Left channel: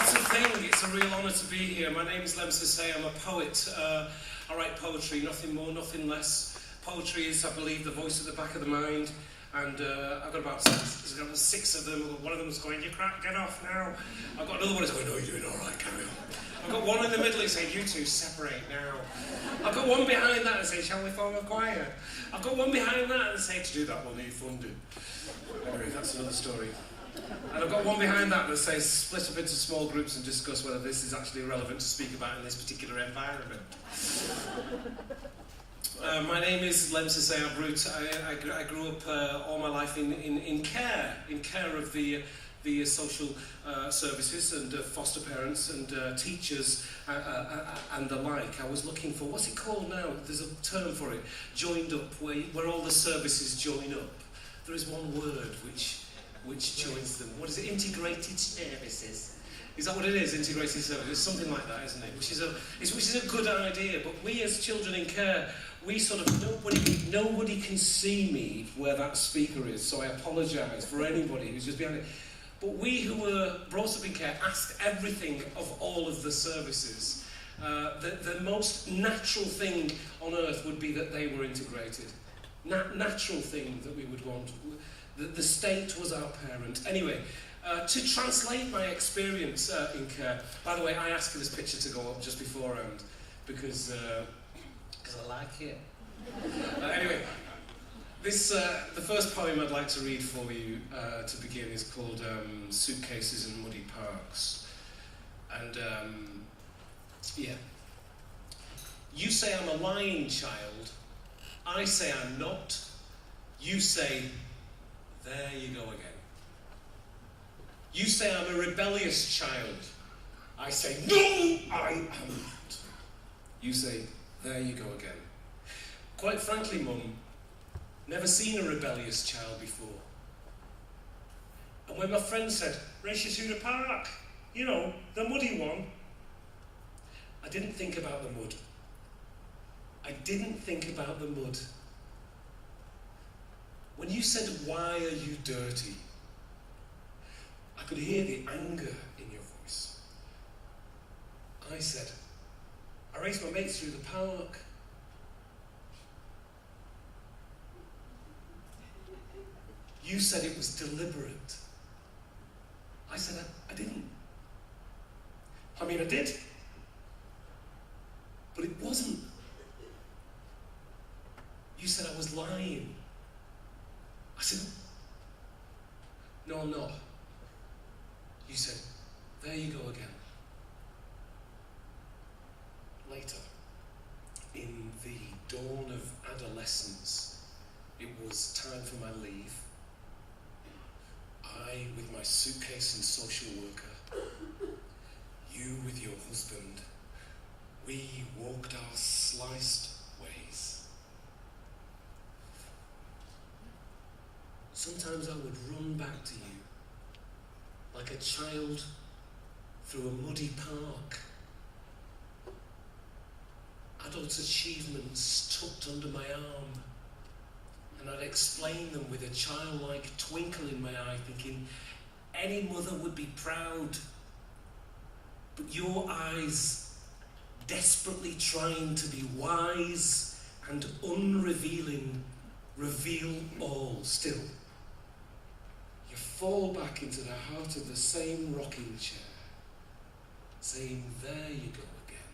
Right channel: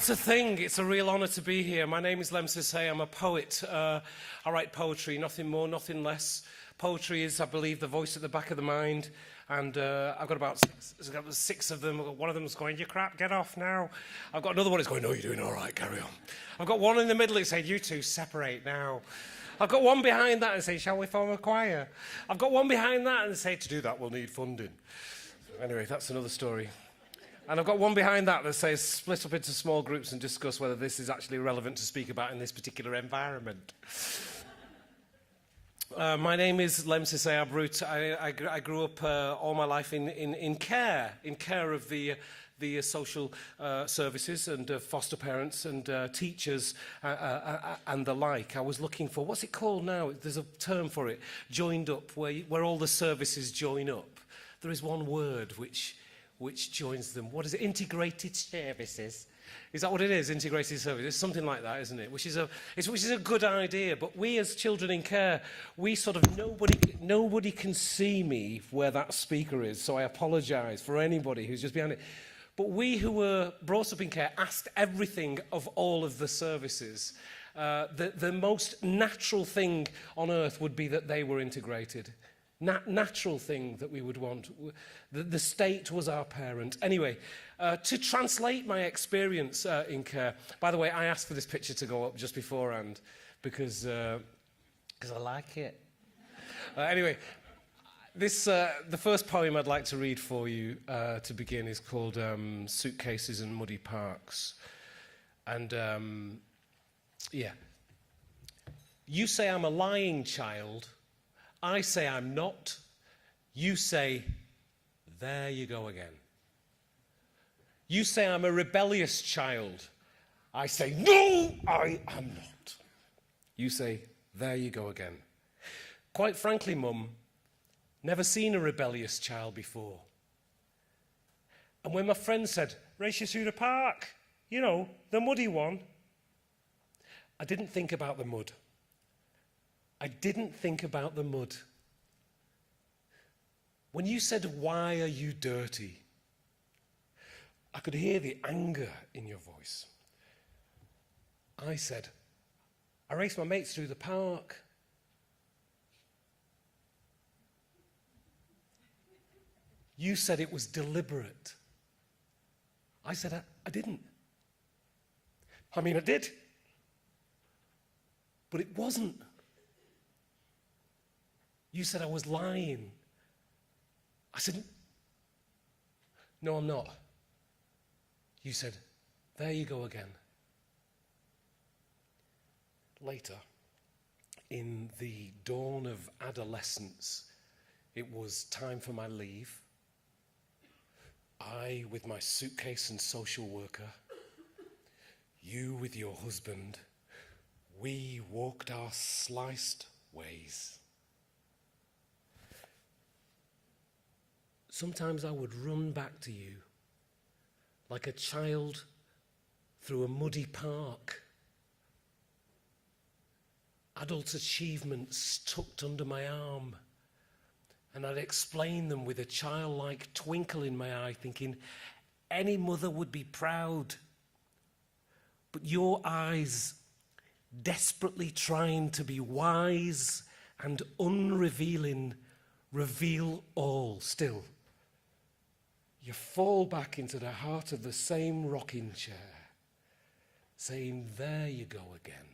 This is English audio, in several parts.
What a thing, it's a real honour to be here. My name is Lemn Sissay, I'm a poet. I write poetry, nothing more, nothing less. Poetry is, I believe, the voice at the back of the mind. And I've got about six of them. One of them is going, "You crap, get off now." I've got another one who's going, "No, you're doing all right, carry on." I've got one in the middle who says, "You two separate now." I've got one behind that and say, "Shall we form a choir?" I've got one behind that and say, "To do that we'll need funding." Anyway, that's another story. And I've got one behind that that says, "Split up into small groups and discuss whether this is actually relevant to speak about in this particular environment." My name is Lemn Sissay. I grew up all my life in care of the social services and foster parents and teachers and the like. I was looking for, what's it called now? There's a term for it, joined up, where all the services join up. There is one word which joins them. What is it? Integrated services. Is that what it is? Integrated services. It's something like that, isn't it? Which is a good idea. But we as children in care, we sort of nobody can see me where that speaker is. So I apologise for anybody who's just behind it. But we who were brought up in care asked everything of all of the services. The most natural thing on earth would be that they were integrated. Natural thing that we would want. The state was our parent. Anyway, to translate my experience in care, by the way, I asked for this picture to go up just beforehand because I like it. Anyway, the first poem I'd like to read for you to begin is called Suitcases and Muddy Parks. And yeah. You say I'm a lying child. I say I'm not. You say, there you go again. You say I'm a rebellious child. I say, no, I am not. You say, there you go again. Quite frankly, Mum, never seen a rebellious child before. And when my friend said, "Race you through the park, you know, the muddy one," I didn't think about the mud. I didn't think about the mud. When you said, "Why are you dirty?" I could hear the anger in your voice. I said, "I raced my mates through the park." You said it was deliberate. I said, I didn't. I mean, I did. But it wasn't. You said I was lying. I said, no, I'm not. You said, there you go again. Later, in the dawn of adolescence, it was time for my leave. I with my suitcase and social worker, you with your husband, we walked our sliced ways. Sometimes I would run back to you, like a child through a muddy park. Adult achievements tucked under my arm, and I'd explain them with a childlike twinkle in my eye, thinking any mother would be proud. But your eyes, desperately trying to be wise and unrevealing, reveal all still. You fall back into the heart of the same rocking chair, saying, there you go again.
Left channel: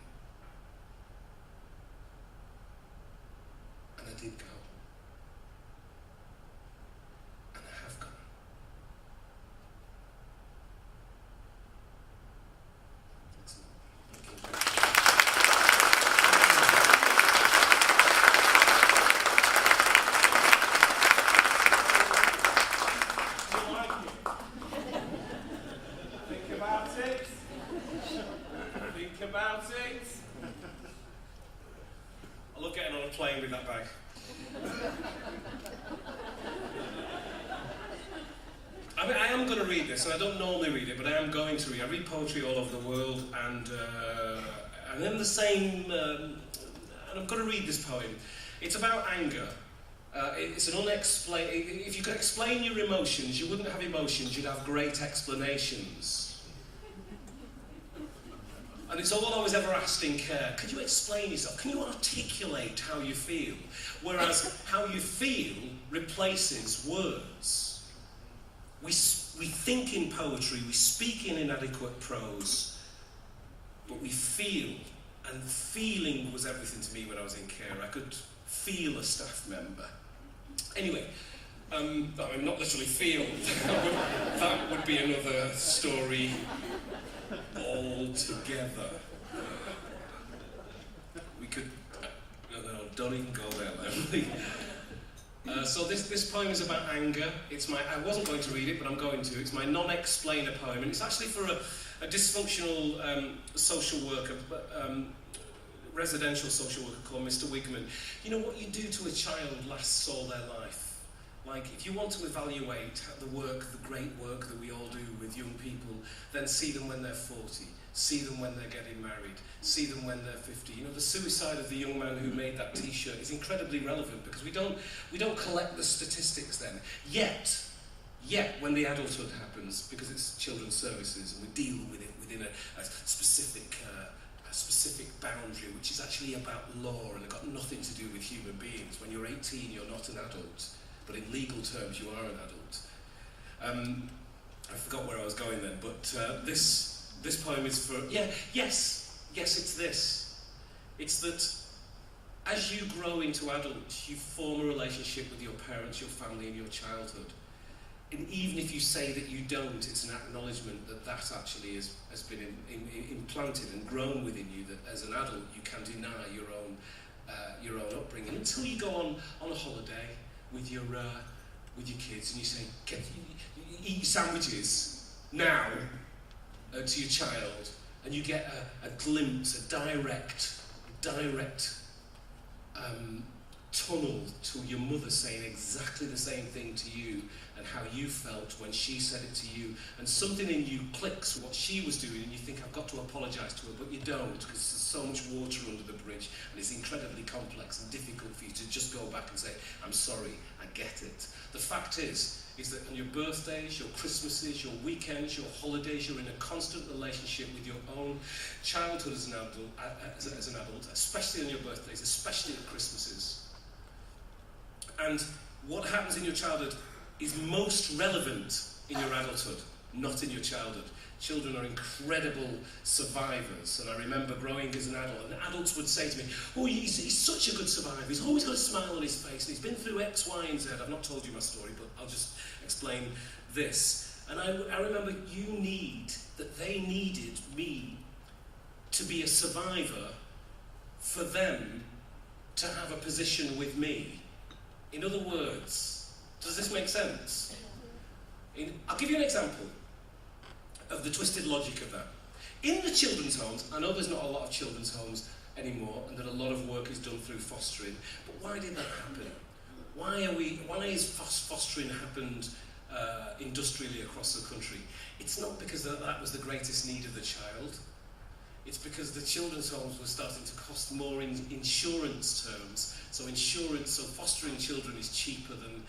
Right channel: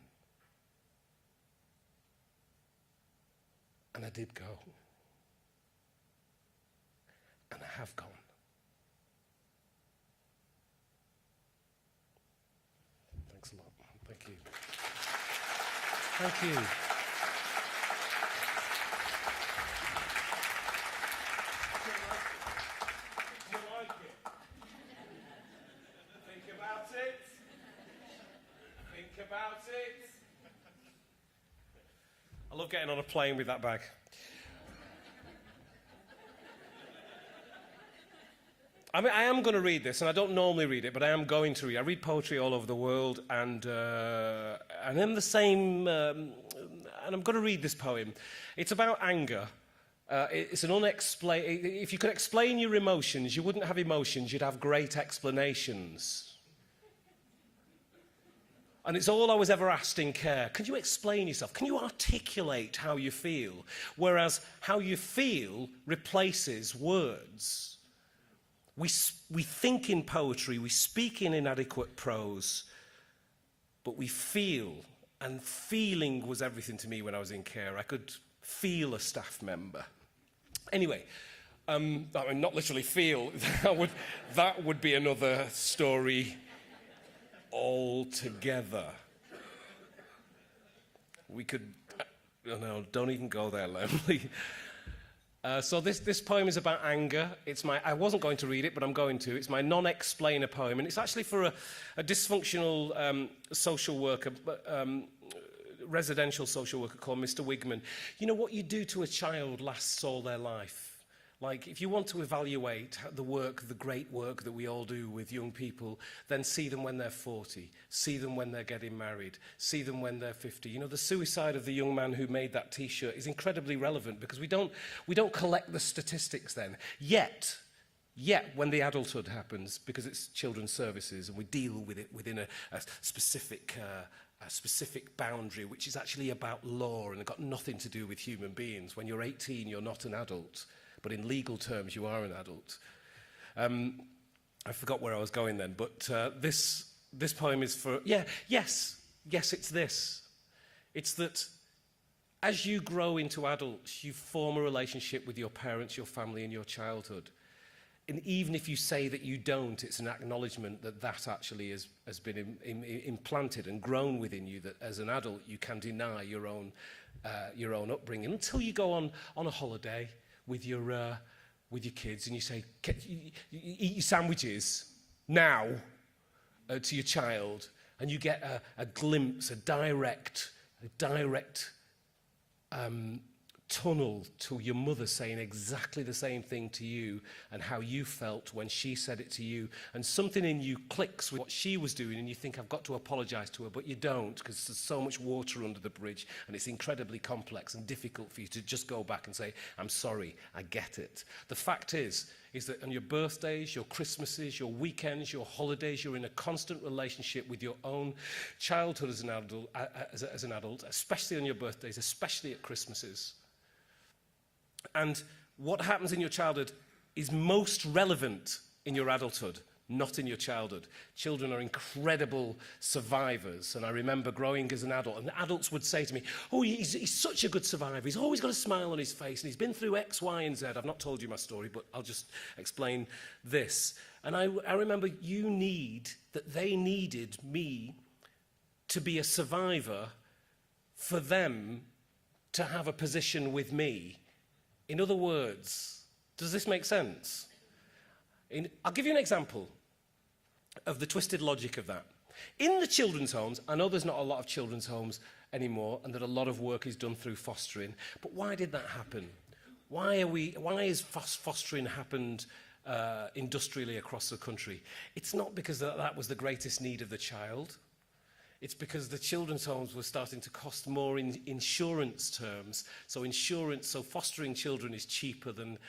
And I did go. And I have gone. Thanks a lot. Thank you. Playing with that bag. I mean, I am going to read this, and I don't normally read it, but I am going to read. I read poetry all over the world, and in the same, and I'm going to read this poem. It's about anger. It's an unexplained. If you could explain your emotions, you wouldn't have emotions. You'd have great explanations. And it's all I was ever asked in care. Can you explain yourself? Can you articulate how you feel? Whereas how you feel replaces words. We think in poetry, we speak in inadequate prose, but we feel. And feeling was everything to me when I was in care. I could feel a staff member. Anyway, not literally feel. That would be another story altogether. We could... no, don't even go there, though. So this poem is about anger. I wasn't going to read it, but I'm going to. It's my non-explainer poem, and it's actually for a dysfunctional social worker, residential social worker called Mr. Wigman. You know, what you do to a child lasts all their life. Like, if you want to evaluate the great work that we all do with young people, then see them when they're 40, see them when they're getting married, see them when they're 50. You know, the suicide of the young man who made that T-shirt is incredibly relevant because we don't collect the statistics then. Yet, when the adulthood happens, because it's children's services, and we deal with it within a specific boundary, which is actually about law and got nothing to do with human beings. When you're 18, you're not an adult. But in legal terms, you are an adult. I forgot where I was going then, but this poem is for... Yes, it's this. It's that as you grow into adults, you form a relationship with your parents, your family, and your childhood. And even if you say that you don't, it's an acknowledgement that actually has been implanted and grown within you, that as an adult you can deny your own upbringing until you go on a holiday with your kids, and you say, you eat your sandwiches now to your child, and you get a glimpse, a direct tunnel to your mother saying exactly the same thing to you and how you felt when she said it to you, and something in you clicks with what she was doing, and you think, I've got to apologise to her, but you don't, because there's so much water under the bridge, and it's incredibly complex and difficult for you to just go back and say, I'm sorry, I get it. The fact is that on your birthdays, your Christmases, your weekends, your holidays, you're in a constant relationship with your own childhood as an adult, especially on your birthdays, especially at Christmases. And what happens in your childhood is most relevant in your adulthood, not in your childhood. Children are incredible survivors, and I remember growing as an adult, and adults would say to me, oh, he's such a good survivor, he's always got a smile on his face, he's been through X, Y, and Z. I've not told you my story, but I'll just explain this. And I remember they needed me to be a survivor for them to have a position with me. In other words, does this make sense? I'll give you an example of the twisted logic of that. In the children's homes, I know there's not a lot of children's homes anymore, and that a lot of work is done through fostering, but why did that happen? Why is fostering happened industrially across the country? It's not because that was the greatest need of the child. It's because the children's homes were starting to cost more in insurance terms. So fostering children is cheaper than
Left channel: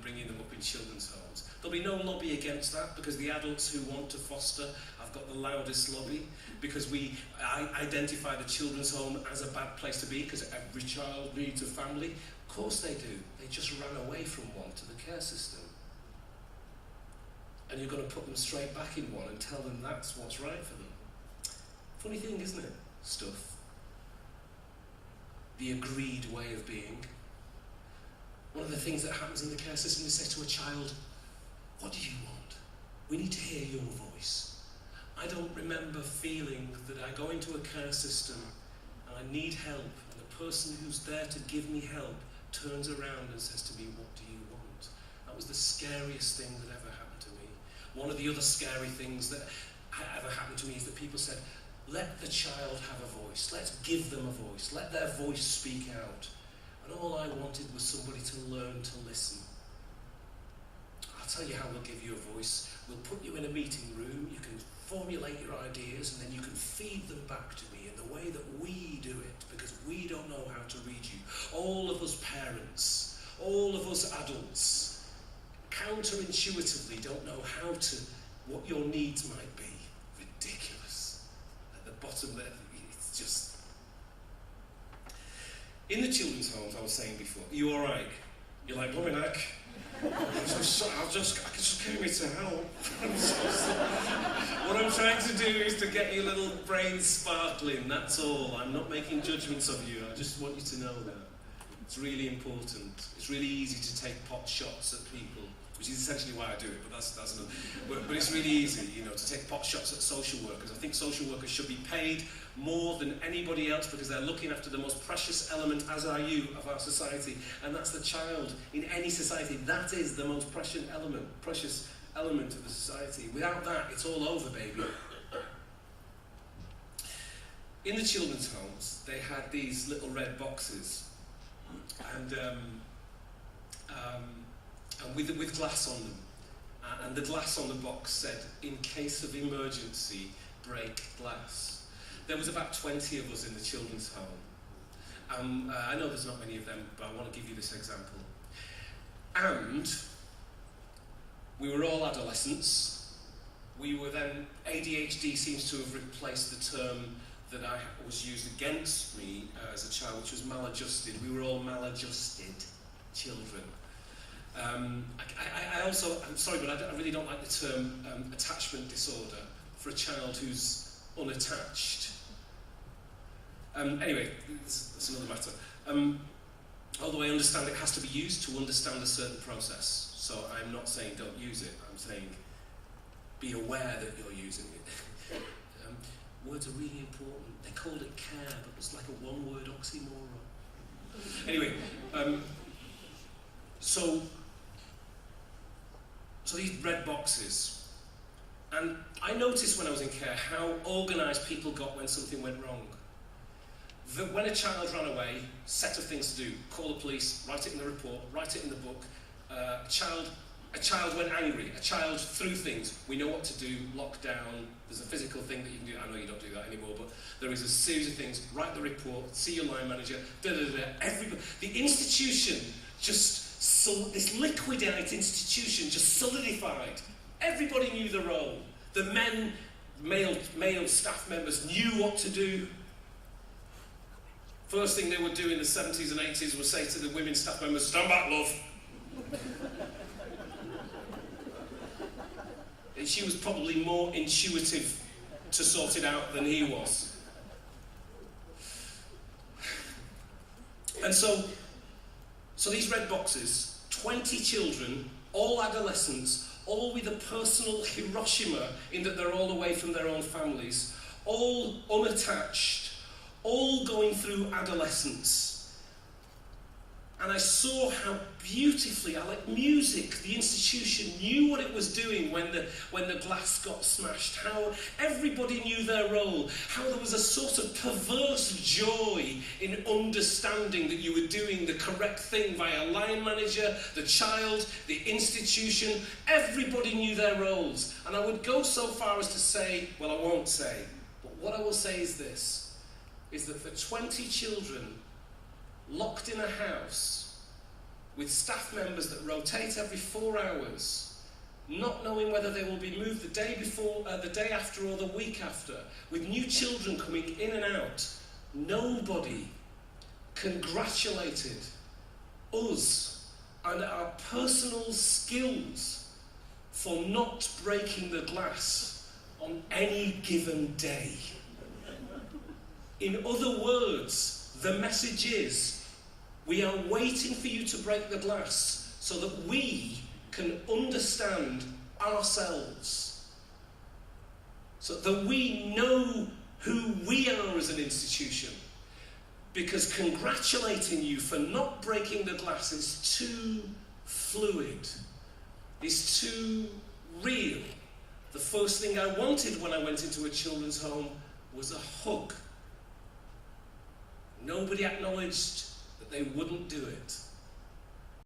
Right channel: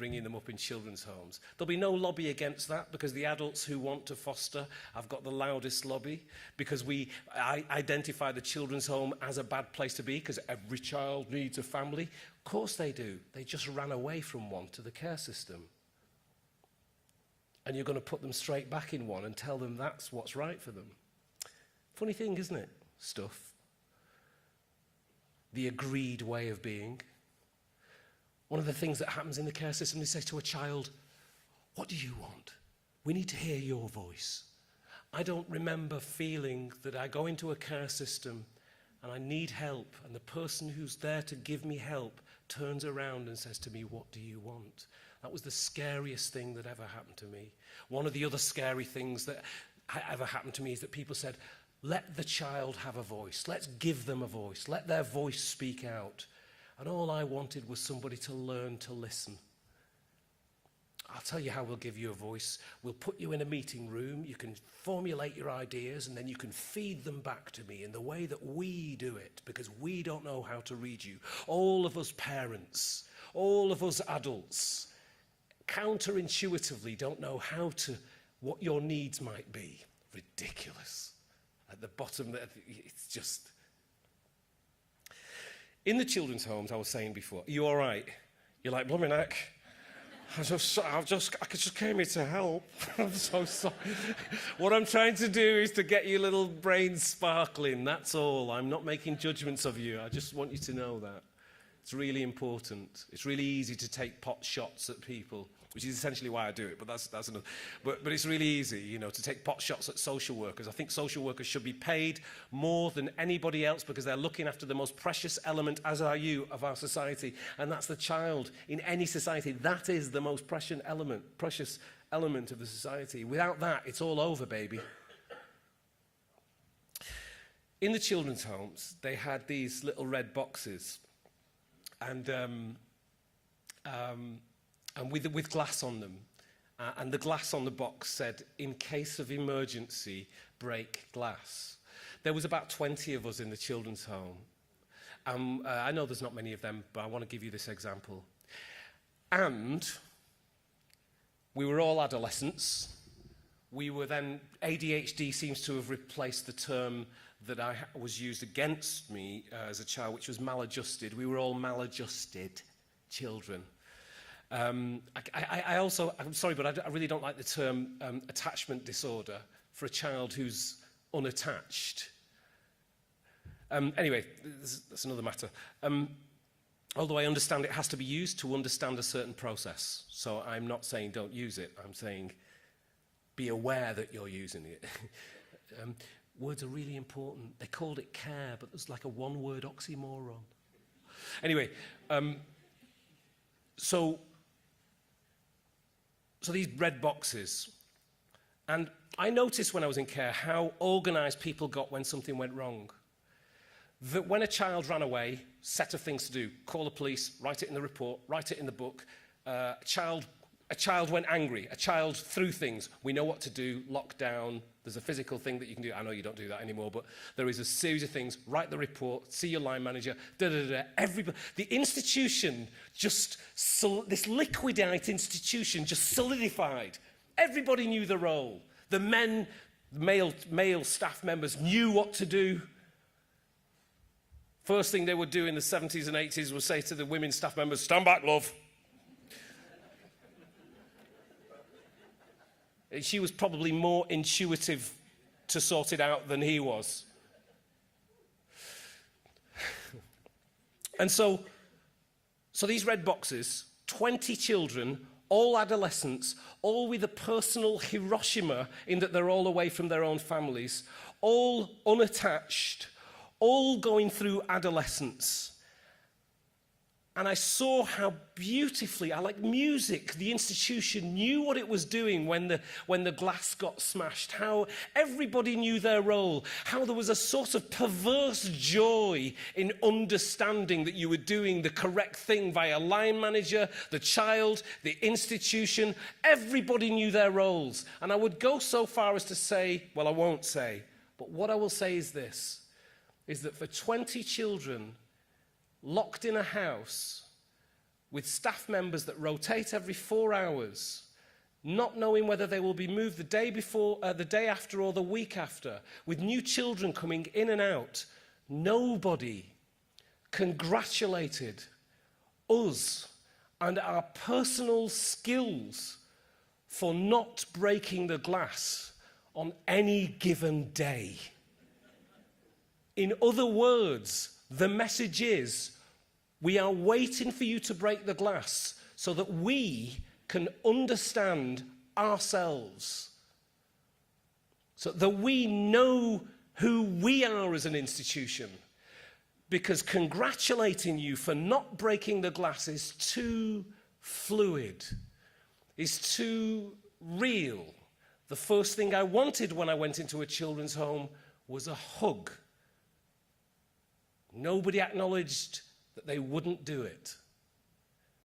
bringing them up in children's homes. There'll be no lobby against that, because the adults who want to foster have got the loudest lobby, because I identify the children's home as a bad place to be, because every child needs a family. Of course they do. They just ran away from one to the care system. And you're going to put them straight back in one and tell them that's what's right for them. Funny thing, isn't it? Stuff. The agreed way of being. One of the things that happens in the care system is say to a child, what do you want? We need to hear your voice. I don't remember feeling that I go into a care system and I need help, and the person who's there to give me help turns around and says to me, what do you want? That was the scariest thing that ever happened to me. One of the other scary things that ever happened to me is that people said, let the child have a voice. Let's give them a voice. Let their voice speak out. And all I wanted was somebody to learn to listen. I'll tell you how we'll give you a voice. We'll put you in a meeting room. You can formulate your ideas, and then you can feed them back to me in the way that we do it, because we don't know how to read you. All of us parents, all of us adults, counterintuitively don't know what your needs might be. Ridiculous. At the bottom, it's just... In the children's homes, I was saying before, are you all right? You're like, blooming heck. I just came here to help. I'm so sorry. What I'm trying to do is to get your little brains sparkling, that's all. I'm not making judgments of you. I just want you to know that. It's really important. It's really easy to take pot shots at people, which is essentially why I do it, but that's another. But it's really easy, you know, to take pot shots at social workers. I think social workers should be paid more than anybody else because they're looking after the most precious element, as are you, of our society, and that's the child. In any society, that is the most precious element of the society. Without that, it's all over, baby. In the children's homes, they had these little red boxes, and with glass on them. And the glass on the box said, in case of emergency, break glass. There was about 20 of us in the children's home. I know there's not many of them, but I want to give you this example. And we were all adolescents. We were then, ADHD seems to have replaced the term that was used against me as a child, which was maladjusted. We were all maladjusted children. I also, I'm sorry, but I really don't like the term attachment disorder for a child who's unattached. Anyway, that's another matter. Although I understand it has to be used to understand a certain process. So I'm not saying don't use it. I'm saying be aware that you're using it. Words are really important. They called it care, but it's like a one-word oxymoron. Anyway, so these red boxes. And I noticed when I was in care how organised people got when something went wrong. That when a child ran away, set of things to do, call the police, write it in the report, write it in the book. A child went angry, a child threw things. We know what to do, lockdown, there's a physical thing that you can do. I know you don't do that anymore, but there is a series of things. Write the report, see your line manager, everybody. The institution this liquidate institution just solidified. Everybody knew the role. The male staff members knew what to do. First thing they would do in the 70s and 80s was say to the women staff members, stand back, love. She was probably more intuitive to sort it out than he was. And so these red boxes, 20 children, all adolescents, all with a personal Hiroshima in that they're all away from their own families, all unattached, all going through adolescence. And I saw how beautifully, like music, the institution knew what it was doing when the glass got smashed, how everybody knew their role, how there was a sort of perverse joy in understanding that you were doing the correct thing by a line manager, the child, the institution. Everybody knew their roles. And I would go so far as to say, well, I won't say, but what I will say is this, is that for 20 children locked in a house with staff members that rotate every 4 hours, not knowing whether they will be moved the day before, the day after or the week after, with new children coming in and out, nobody congratulated us and our personal skills for not breaking the glass on any given day. In other words, the message is, we are waiting for you to break the glass so that we can understand ourselves, so that we know who we are as an institution. Because congratulating you for not breaking the glass is too fluid, is too real. The first thing I wanted when I went into a children's home was a hug. Nobody acknowledged that they wouldn't do it.